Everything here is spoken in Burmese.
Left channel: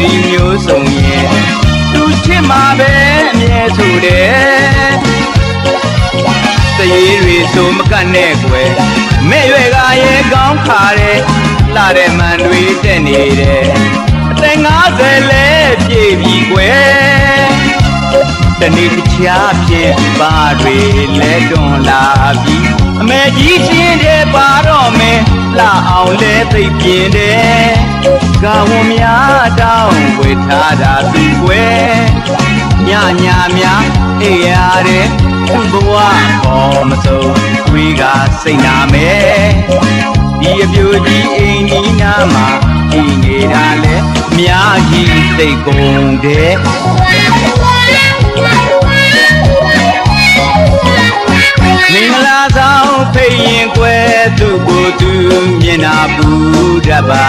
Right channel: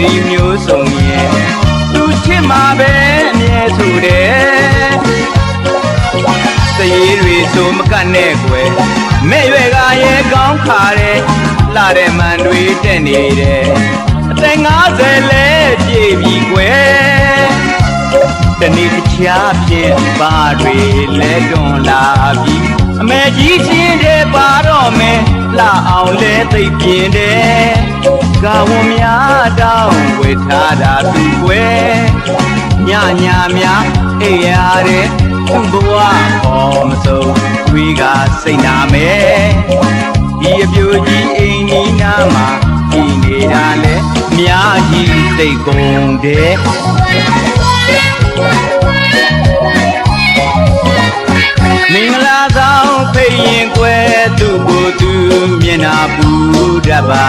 ဒီမျိုးဆုံးရင်သူချစ်မှာပဲအမြဲဆိုတယ်တရေတွေဆိုမကတ်နဲ့ကွယ်မဲ့ရွယ်ကရဲ့ကောင်းခါတယ်လာတဲ့မှန်တွေတက်နေတယ်အသက်50လဲပြည့်ပြီကွယ်တနေ့တခြားဖြစ်ပါတွေလဲတွန်လာပြီအမေကြီးချင်းတဲ့ပါတော့မယ်လာအောင်လဲသိပ်ပြင်းတယ်ကဝန်များတောင်းဝေထားတာပြီကွယ်ညအေးရတယ်ဘဝပေါ်မဆုံးတွေးကစိတ်နာမယ်ဒီအပြူကြီးအိမ်ကြီးနားမှာဒီနေတာလဲများကြီးသိပ်ကုန်တယ်မင်္ဂလာဆောင်ဖိတ်ရင်ကွယ်သူ့ကိုယ်သူမျက်နာပူတတ်ပါ